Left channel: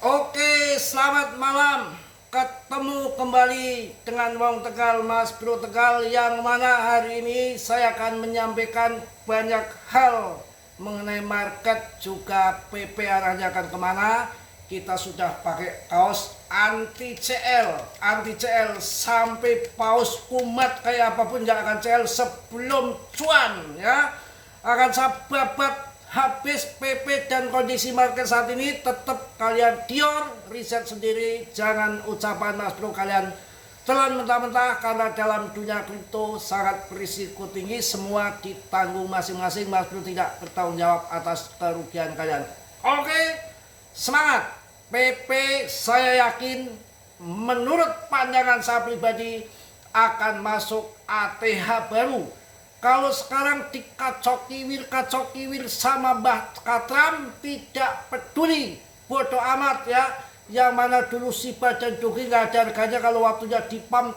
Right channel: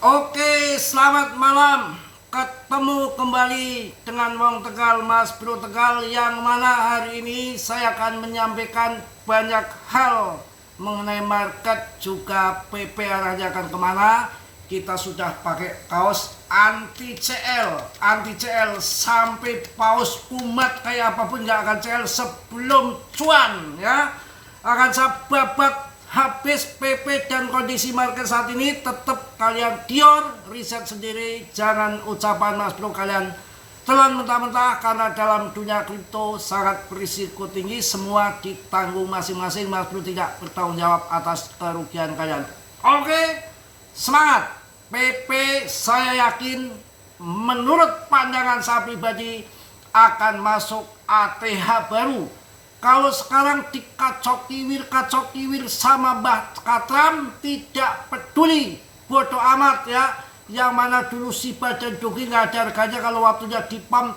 Oke, selamat malam. Ketemu kembali dengan Wong Tegal, Mas Bro Tegal, yang mana hari ini saya akan menyampaikan banyak hal mengenai market, juga PP arahnya akan kemana. Kita sudah pakai kaos anti CL sampai paus kumat kayak apapun nggak akan CL sebelum cuan ya. Akan saya babat habis PP dan kondisi market saat ini. Tetap kalian dior, riset sendiri, jangan ucapan Mas Bro kalian telan mentah-mentah, karena dalam dunia kripto sangat berisiko tinggi. Semua ditanggung masing-masing, Mas Bro tidak bertanggung jawab atas kerugian kalian. Oke, semangat. PP saya yakin menurut pandangan saya pribadi akan masuk ATH baru. Kalau sekarang dikacok-kiwir sama Mbah Katram, tidak peduli, bodoh amat ya. Yang mana dulu Shiba dan Doge nggak ada harganya, kalau waktunya dipam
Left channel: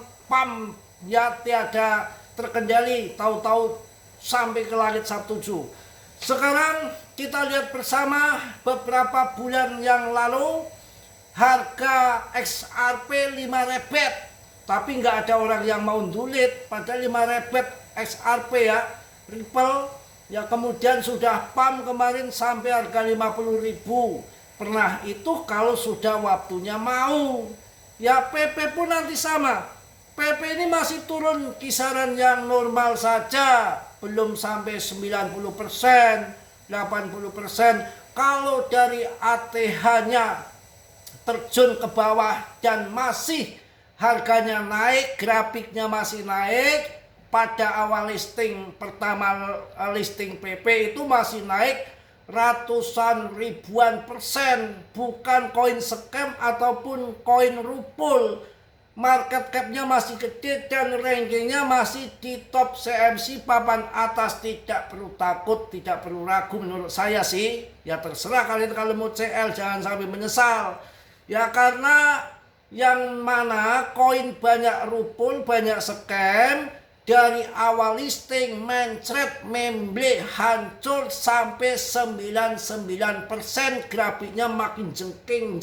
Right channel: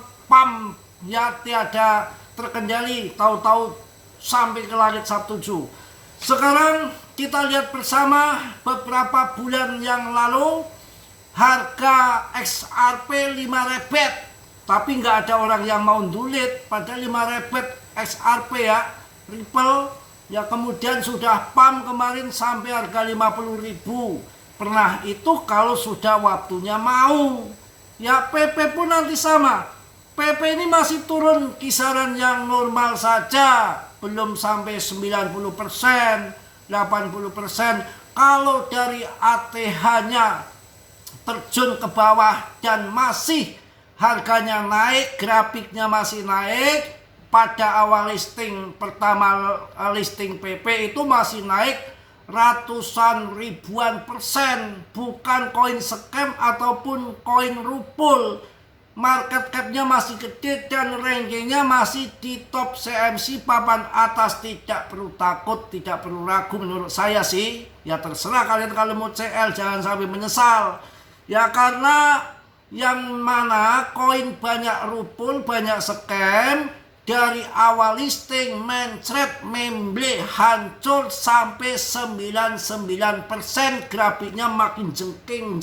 ya tiada terkendali, tahu-tahu sampai ke langit Sabtuju. Sekarang kita lihat bersama beberapa bulan yang lalu harga XRP 5 rebet, tapi nggak ada orang yang mau dulit pada 5 rebet XRP ya, Ripple ya. Kemudian sudah pump kemarin sampai harga 50.000. Pernah itu kalau sudah waktunya mau ya. PP pun nanti sama. PP ini masih turun kisaran yang normal saja, belum sampai 90%, 80%. Kalau dari ATH-nya terjun ke bawah dan masih harganya naik, grafiknya masih naik. Pada awal listing pertama, listing PP itu masih naik ratusan ribuan persen, bukan koin scam ataupun koin rupul. Market capnya masih gede dan rankingnya masih di top CMC papan atas. Tidak perlu takut, tidak perlu ragu menurut saya sih. Ya terserah kalian, kalau mau CL jangan sampai menyesal ya, karena yang mana koin banyak rupul, banyak scam. Dari awal listing mencret, memble, hancur sampai 99%. Grafiknya makin jengking,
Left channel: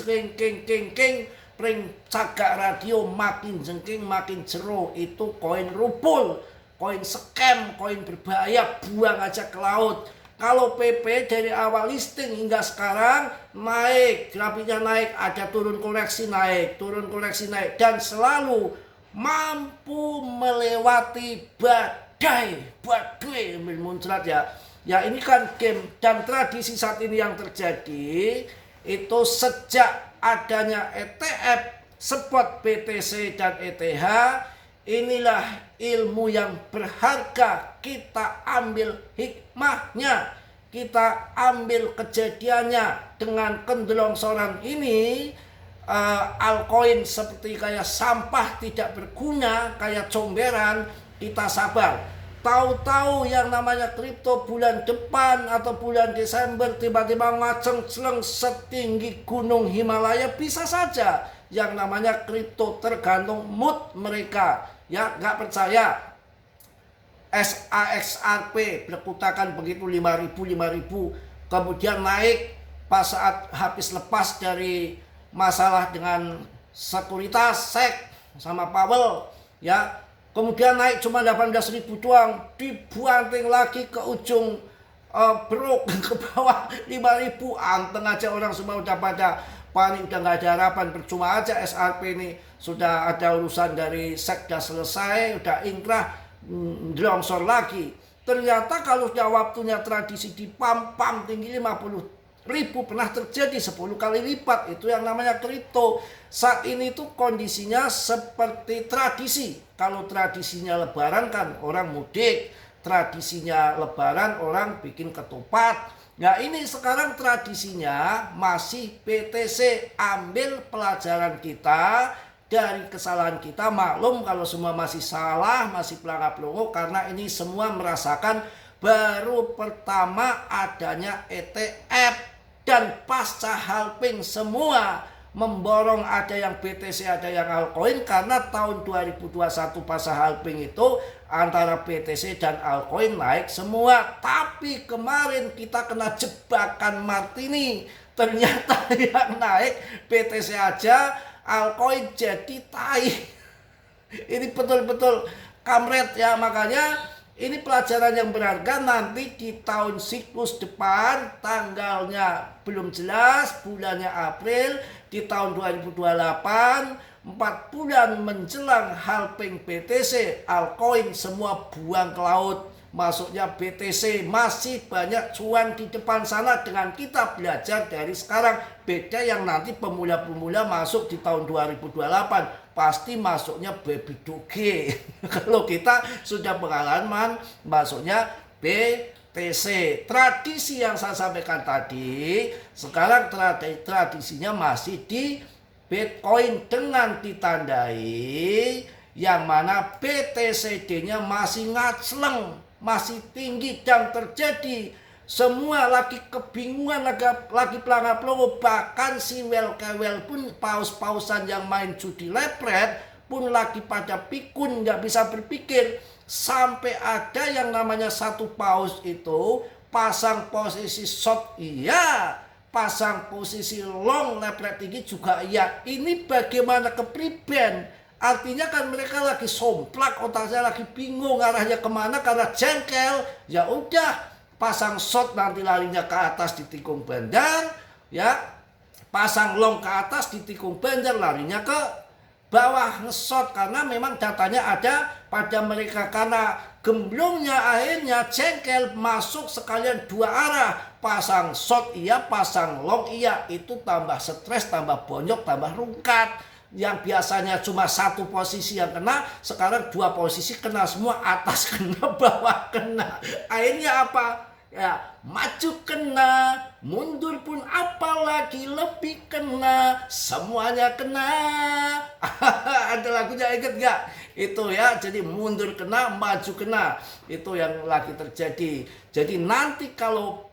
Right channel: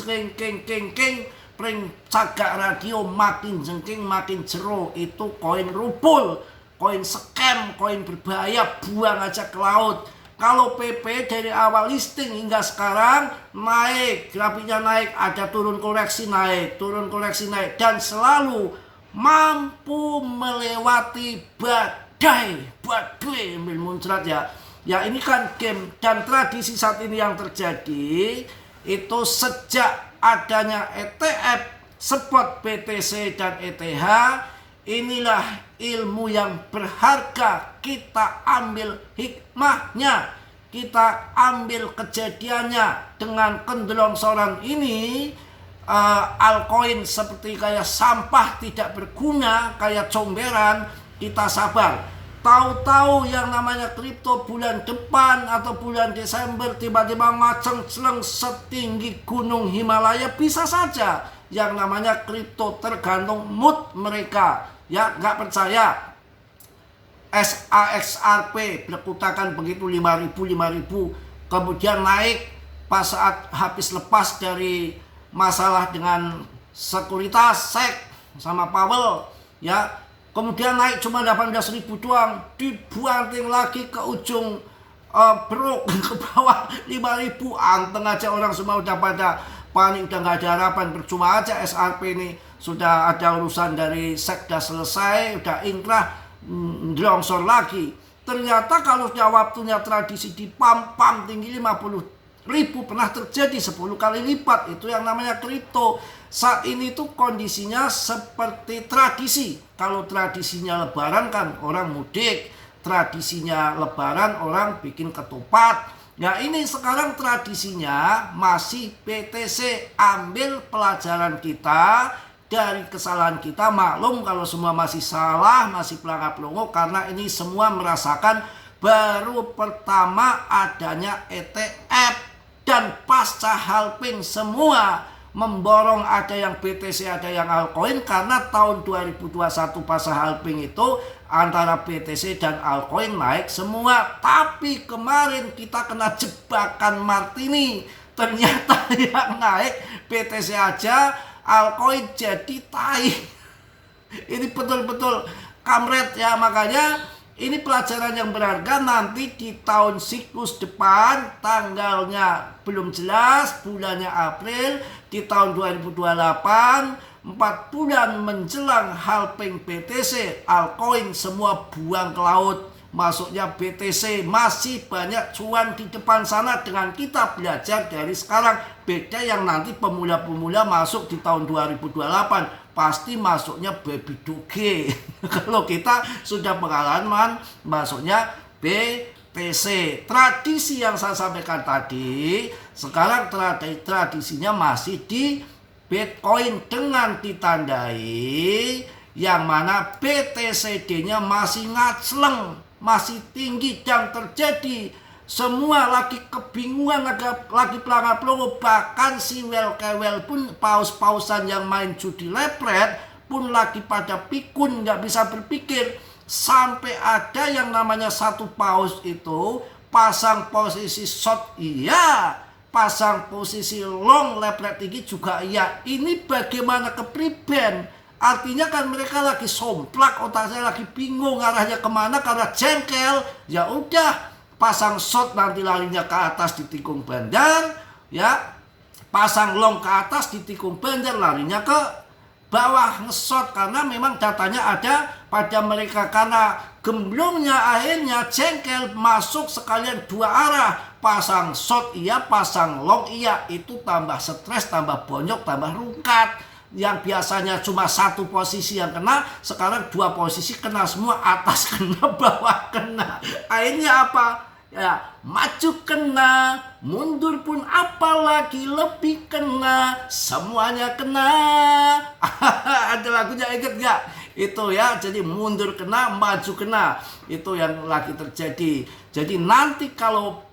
pring cagak radio makin jengking, makin jero. Itu koin rupul, koin scam, koin berbahaya, buang aja ke laut. Kalau PP dari awal listing hingga sekarang naik, grafiknya naik, ada turun koreksi naik, turun koreksi naik, dan selalu mampu melewati badai ambil muncrat ya. Ya ini kan game dan tradisi saat ini yang terjadi itu sejak adanya ETF, spot BTC dan ETH. Inilah ilmu yang berharga, kita ambil hikmahnya, kita ambil kejadiannya. Dengan kendlongsoran ini, altcoin seperti kayak sampah tidak berguna, kayak comberan, kita sabar. Tahu-tahu yang namanya kripto bulan depan atau bulan Desember tiba-tiba ngaceng-celeng setinggi gunung Himalaya, bisa saja. Yang namanya kripto tergantung mood mereka ya. Nggak percaya SAXRP berkutakan begitu 5.000, kemudian naik pas saat habis lepas dari masalah dengan sekuritas SEC sama Powell ya. Kemudian naik cuma 18.000 doang, dibanting lagi ke ujung brok ke bawah 5.000. Anteng aja orang semua udah pada panik, udah nggak ada harapan. Percuma aja SRP ini, sudah ada urusan dari SEC udah selesai, udah inkrah, longsor lagi. Ternyata kalau sudah waktunya tradisi di pam tinggi 50.000, pernah terjadi 10 kali lipat. Itu yang namanya kripto. Saat ini tuh kondisinya seperti tradisi. Kalau tradisinya lebaran kan orang mudik, tradisinya lebaran orang bikin ketupat. Nah ini sekarang tradisinya masih BTC. Ambil pelajaran kita dari kesalahan kita. Maklum kalau semua masih salah, masih pelangap-pelongo, karena ini semua merasakan baru pertama adanya ETF. Dan pasca halving semua memborong, ada yang BTC, ada yang altcoin, karena tahun 2021 pasca halving itu antara BTC dan altcoin naik semua. Tapi kemarin kita kena jebakan Martini, Ternyata yang naik BTC aja, altcoin jadi tai. Ini betul-betul kamret ya. Makanya ini pelajaran yang berharga. Nanti di tahun siklus depan, tanggalnya belum jelas, bulannya April di tahun 2028, 4 bulan menjelang halving BTC, altcoin semua buang ke laut. Masuknya BTC, masih banyak cuan di depan sana dengan kita belajar dari sekarang. Beda yang nanti pemula-pemula masuk di tahun 2028, pasti masuknya baby doge. Kalau kita sudah pengalaman masuknya BTC. Tradisi yang saya sampaikan tadi, sekarang tradisinya masih di Bitcoin dengan ditandai yang mana BTCD-nya masih ngacleng, masih tinggi, dan terjadi semua lagi kebingungan, lagi pelangap-pelongo. Bahkan si wel-kewel pun, paus-pausan yang main judi lepret pun lagi pada pikun, nggak bisa berpikir. Sampai ada yang namanya satu paus itu pasang posisi short iya, pasang posisi long lepret tinggi juga iya. Ini bagaimana kepriben? Artinya kan mereka lagi somplak, otaknya lagi bingung arahnya kemana karena jengkel. Ya udah, pasang short nanti larinya ke atas di tikung bandar, ya. Pasang long ke atas di tikung bandar, larinya ke bawah nge-short karena memang datanya ada pada mereka. Karena gemblongnya akhirnya jengkel, masuk sekalian dua arah. Pasang short iya, pasang long iya. Itu tambah stres, tambah bonyok, tambah rungkat. Yang biasanya cuma satu posisi yang kena, sekarang dua posisi kena semua, atas kena, bawah kena. Akhirnya apa? Ya, maju kena, mundur pun apalagi lebih kena, semuanya kena. Ada lagunya, inget gak? Itu ya, jadi mundur kena, maju kena. Itu yang lagi terjadi. Jadi nanti kalau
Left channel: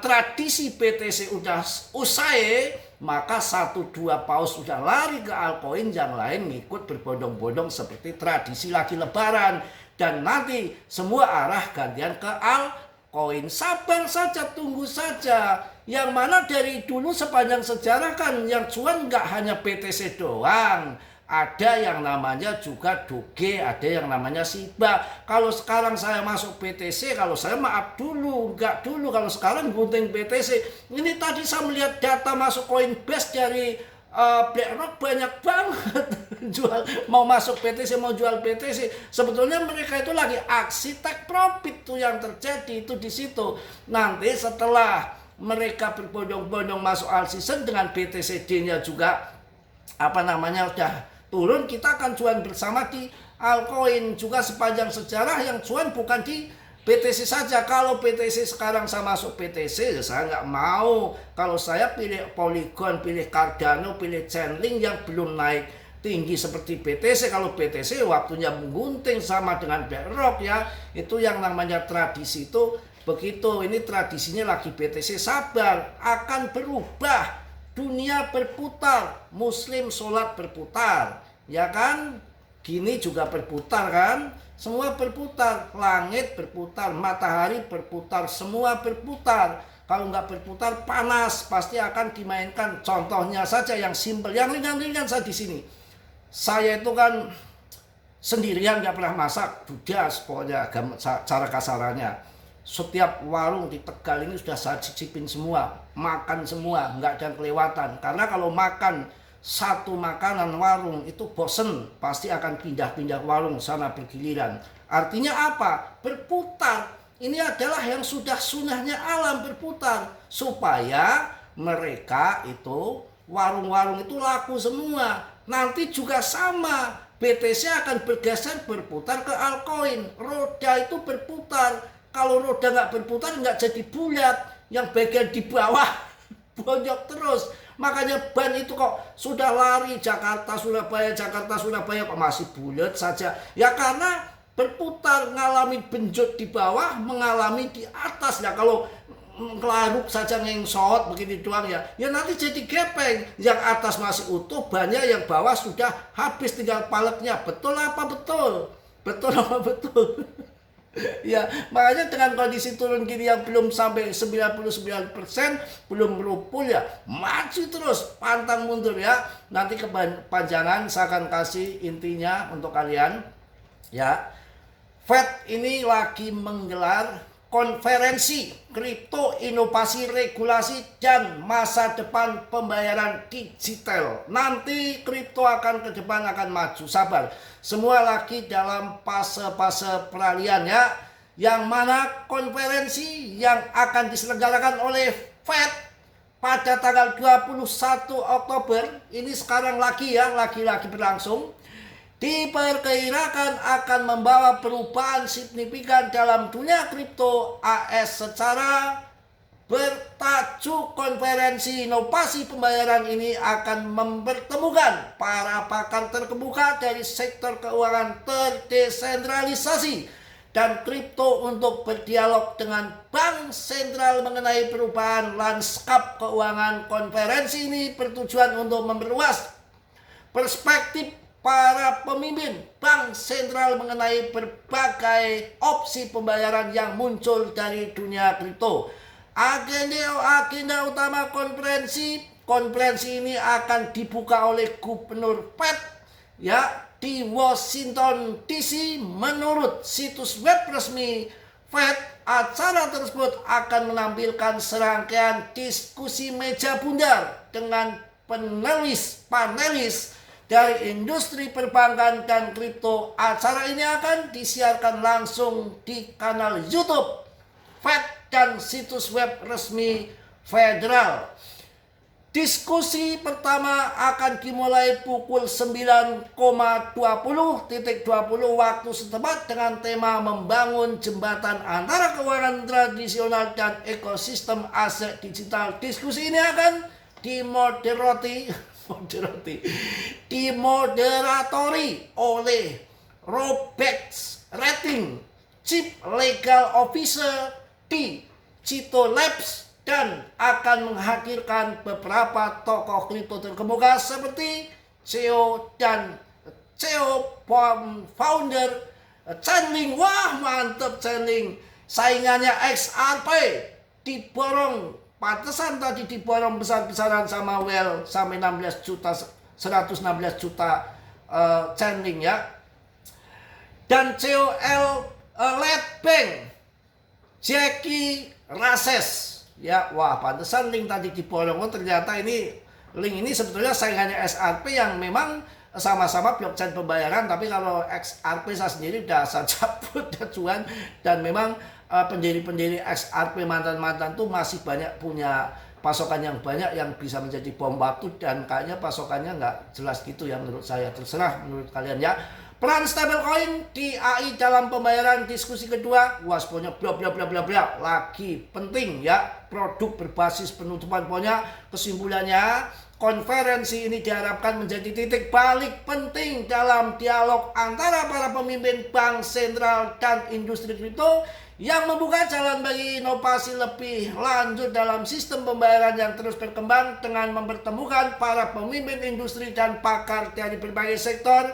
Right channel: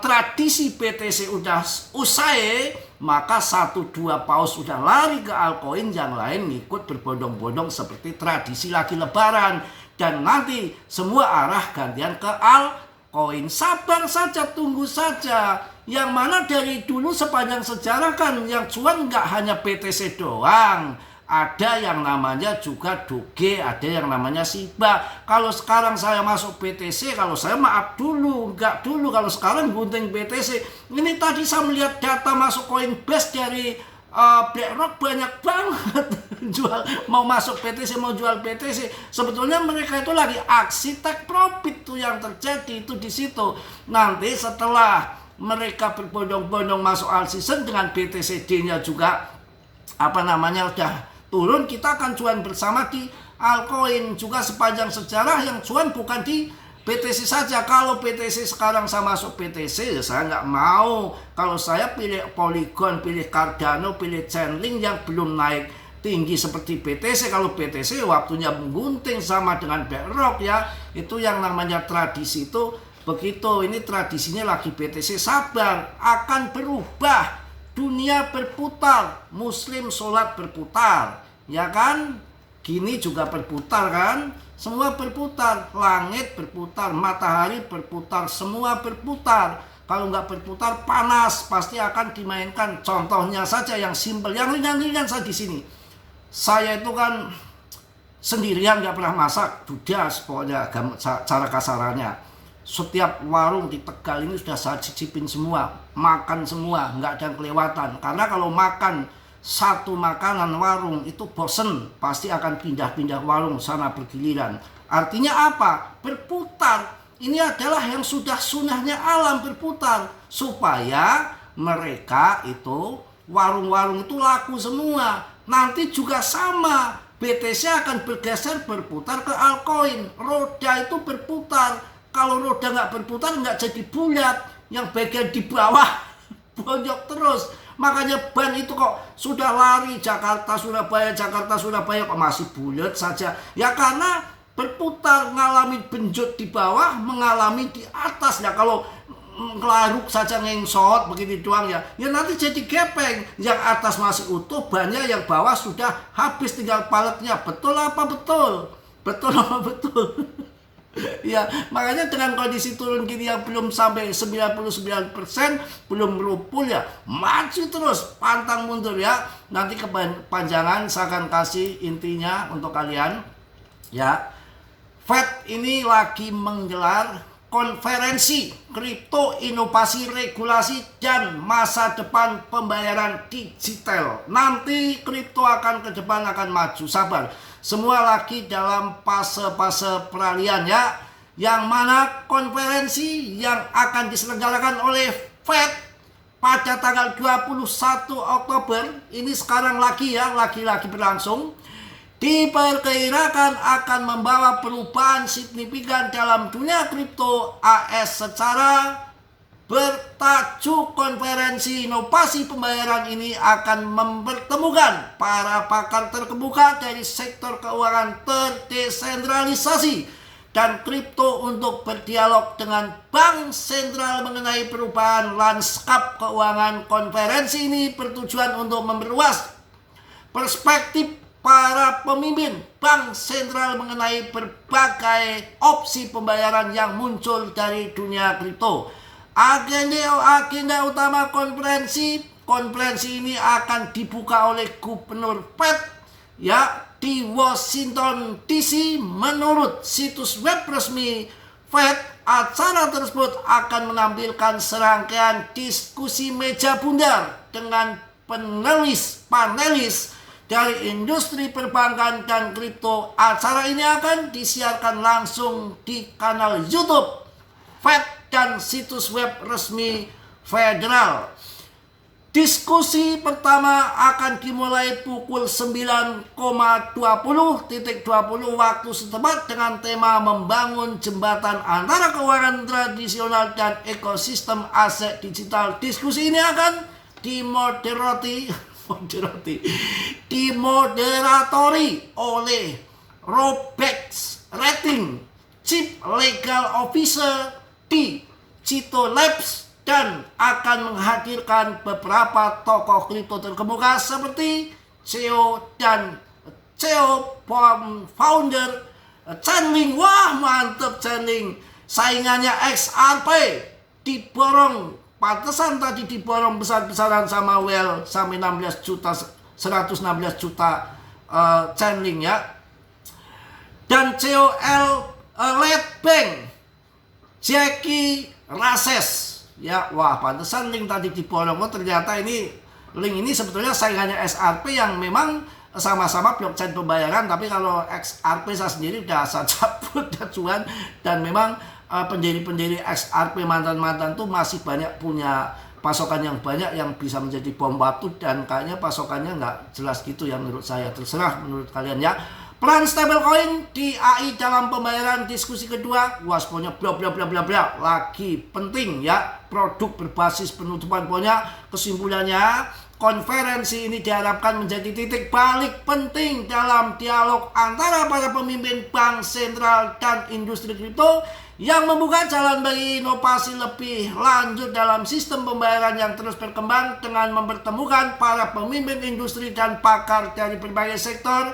tradisi BTC udah usai, maka 1-2 paus sudah lari ke altcoin, yang lain ngikut berbondong-bondong seperti tradisi lagi lebaran. Dan nanti semua arah gantian ke altcoin. Sabar saja, tunggu saja. Yang mana dari dulu sepanjang sejarah kan yang cuan nggak hanya BTC doang. Ada yang namanya juga Doge, ada yang namanya Shiba. Kalau sekarang saya masuk BTC, kalau saya maaf dulu, enggak dulu. Kalau sekarang gunting BTC. Ini tadi saya melihat data masuk Coinbase dari BlackRock banyak banget jual, mau masuk BTC, mau jual BTC. Sebetulnya mereka itu lagi aksi take profit tuh yang terjadi itu di situ. Nanti setelah mereka berbondong-bondong masuk all season dengan BTCD-nya juga udah turun, kita akan cuan bersama di altcoin. Juga sepanjang sejarah yang cuan bukan di BTC saja. Kalau BTC sekarang saya masuk BTC, saya nggak mau. Kalau saya pilih Polygon, pilih Cardano, pilih Chainlink yang belum naik tinggi seperti BTC. Kalau BTC waktunya menggunting sama dengan BlackRock ya. Itu yang namanya tradisi itu begitu. Ini tradisinya lagi BTC. Sabar, akan berubah. Dunia berputar, muslim sholat berputar, ya kan? Gini juga berputar kan? Semua berputar, langit berputar, matahari berputar, semua berputar. Kalau nggak berputar panas, pasti akan dimainkan. Contohnya saja yang simpel, yang ringan-ringan saja di sini. Saya itu kan sendirian, nggak pernah masak, dudas pokoknya cara kasarannya. Setiap warung di Tegal ini sudah saya cicipin semua, makan semua, nggak ada yang kelewatan. Karena kalau makan satu makanan warung itu bosen, pasti akan pindah-pindah warung sana bergiliran. Artinya apa? Berputar. Ini adalah yang sudah sunahnya alam, berputar. Supaya mereka itu, warung-warung itu laku semua. Nanti juga sama, BTC akan bergeser berputar ke altcoin. Roda itu berputar. Kalau roda nggak berputar nggak jadi bulat, yang bagian di bawah bonyok terus. Makanya ban itu kok sudah lari Jakarta Surabaya kok masih bulat saja. Ya karena berputar, ngalami benjut di bawah, mengalami di atas. Ya kalau ngelaruk saja ngengsot begitu doang ya nanti jadi gepeng. Yang atas masih utuh, bannya yang bawah sudah habis, tinggal paletnya. Betul apa betul? Betul apa betul? Ya, makanya dengan kondisi turun gini yang belum sampai 99%, belum merupul ya, maju terus, pantang mundur ya. Nanti kepanjangan saya akan kasih intinya untuk kalian ya. Fed ini lagi menggelar konferensi kripto, inovasi, regulasi, dan masa depan pembayaran digital. Nanti kripto akan ke depan akan maju, sabar. Semua lagi dalam fase-fase peralihan ya. Yang mana konferensi yang akan diselenggarakan oleh Fed pada tanggal 21 Oktober ini sekarang lagi berlangsung, diperkirakan akan membawa perubahan signifikan dalam dunia kripto AS. Secara bertajuk konferensi inovasi pembayaran ini akan mempertemukan para pakar terkemuka dari sektor keuangan terdesentralisasi dan kripto untuk berdialog dengan bank sentral mengenai perubahan lanskap keuangan. Konferensi ini bertujuan untuk memperluas perspektif para pemimpin bank sentral mengenai berbagai opsi pembayaran yang muncul dari dunia kripto. Agenda utama konferensi ini akan dibuka oleh Gubernur Fed ya di Washington DC. Menurut situs web resmi Fed, acara tersebut akan menampilkan serangkaian diskusi meja bundar dengan panelis dari industri perbankan dan kripto. Acara ini akan disiarkan langsung di kanal YouTube Fed dan situs web resmi federal. Diskusi pertama akan dimulai pukul 9,20 waktu setempat dengan tema membangun jembatan antara keuangan tradisional dan ekosistem aset digital. Diskusi ini akan dimoderatori oleh Robex Rating, Chief Legal Officer di Cito Labs, dan akan menghadirkan beberapa tokoh kripto terkemuka seperti CEO founder Chainlink. Wah, mantep Chainlink. Saingannya XRP diborong, pantesan tadi diborong besar-besaran sama Well sampai 116 juta Chainlink ya. Dan CEO Lead Bank Jackie Rases ya. Wah, pantesan Link tadi diborong. Oh, ternyata ini Link ini sebetulnya saingannya XRP yang memang sama-sama blockchain pembayaran, tapi kalau XRP saya sendiri udah saya cabut cuan, dan memang pendiri-pendiri XRP mantan-mantan tuh masih banyak punya pasokan yang banyak yang bisa menjadi bom batu, dan kayaknya pasokannya nggak jelas gitu ya menurut saya. Terserah menurut kalian ya. Peran stablecoin di AI dalam pembayaran, diskusi kedua. Wah, pokoknya bla bla bla bla bla. Lagi penting ya, produk berbasis penutupan. Pokoknya kesimpulannya, konferensi ini diharapkan menjadi titik balik penting dalam dialog antara para pemimpin bank sentral dan industri kripto yang membuka jalan bagi inovasi lebih lanjut dalam sistem pembayaran yang terus berkembang. Dengan mempertemukan para pemimpin industri dan pakar dari berbagai sektor,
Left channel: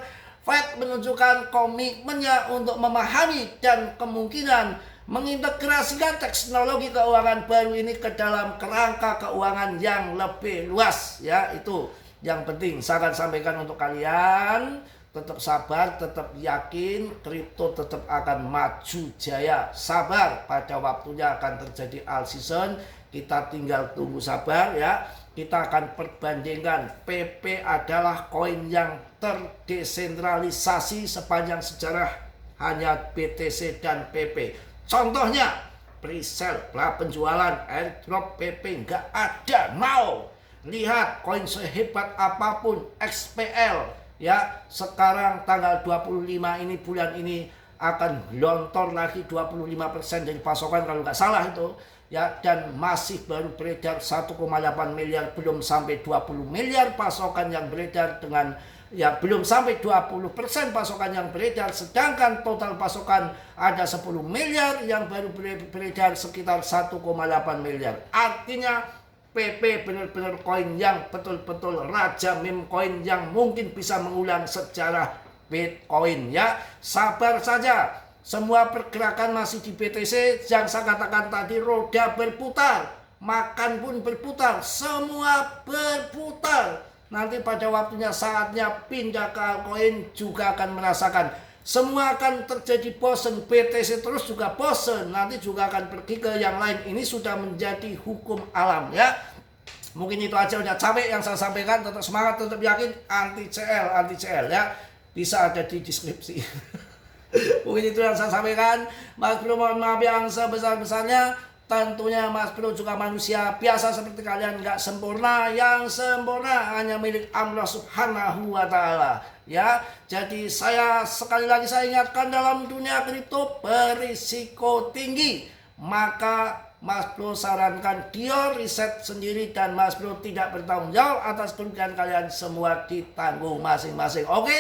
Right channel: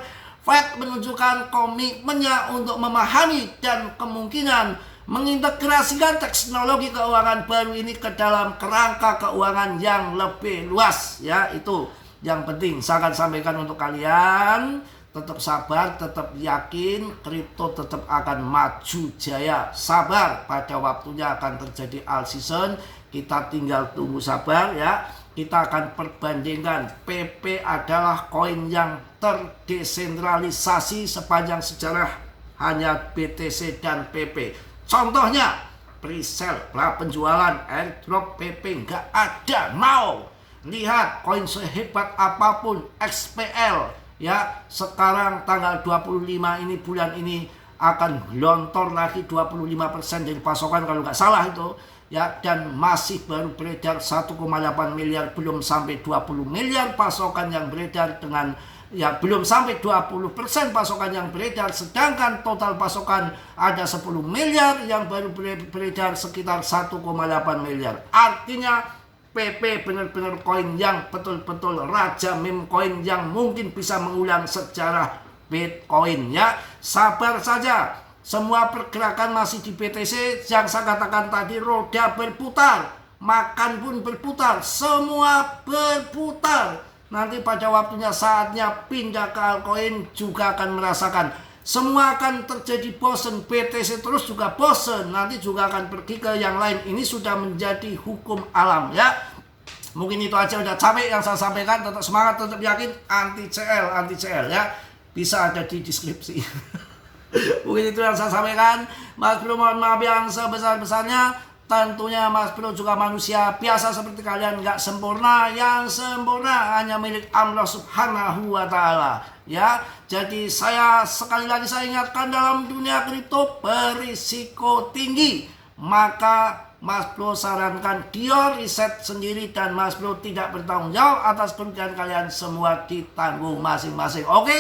Fed menunjukkan komitmennya untuk memahami dan kemungkinan mengintegrasikan teknologi keuangan baru ini ke dalam kerangka keuangan yang lebih luas ya. Itu yang penting saya akan sampaikan untuk kalian. Tetap sabar, tetap yakin, kripto tetap akan maju jaya. Sabar, pada waktunya akan terjadi all season. Kita tinggal tunggu sabar ya. Kita akan perbandingkan. PP adalah koin yang terdesentralisasi sepanjang sejarah, hanya BTC dan PP. Contohnya presale, penjualan, airdrop, PP nggak ada. Mau lihat koin sehebat apapun XPL ya, sekarang tanggal 25 ini, bulan ini akan lontor lagi 25% dari pasokan kalau nggak salah itu ya, dan masih baru beredar 1,8 miliar, belum sampai 20 miliar pasokan yang beredar, dengan ya belum sampai 20% pasokan yang beredar, sedangkan total pasokan ada 10 miliar yang baru beredar sekitar 1,8 miliar. Artinya PP benar-benar koin yang betul-betul raja meme koin yang mungkin bisa mengulang sejarah Bitcoin ya. Sabar saja. Semua pergerakan masih di BTC. Yang saya katakan tadi, roda berputar, makan pun berputar, semua berputar. Nanti pada waktunya saatnya pindah ke altcoin juga akan merasakan. Semua akan terjadi bosen. BTC terus juga bosen, nanti juga akan pergi ke yang lain. Ini sudah menjadi hukum alam ya. Mungkin itu aja, udah capek yang saya sampaikan. Tetap semangat, tetap yakin, anti CL ya. Bisa ada di deskripsi. Mungkin itu yang saya sampaikan. Mas Bro mohon maaf yang sebesar-besarnya. Tentunya Mas Bro juga manusia biasa seperti kalian, nggak sempurna. Yang sempurna hanya milik Allah Subhanahu wa Ta'ala ya. Jadi saya sekali lagi saya ingatkan, dalam dunia kripto berisiko tinggi. Maka Mas Bro sarankan dia riset sendiri, dan Mas Bro tidak bertanggung jawab atas kerugian kalian, semua ditanggung masing-masing. Oke?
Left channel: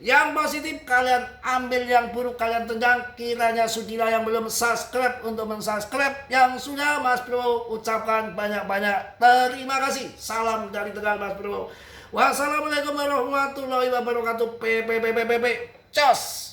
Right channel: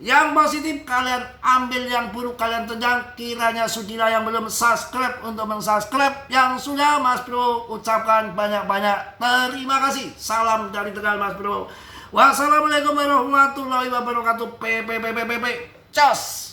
Yang positif kalian ambil, yang buruk kalian tendang. Kiranya sudilah yang belum subscribe untuk mensubscribe. Yang sudah, Mas Bro ucapkan banyak-banyak terima kasih. Salam dari Tegal Mas Bro. Wassalamualaikum warahmatullahi wabarakatuh. Cos.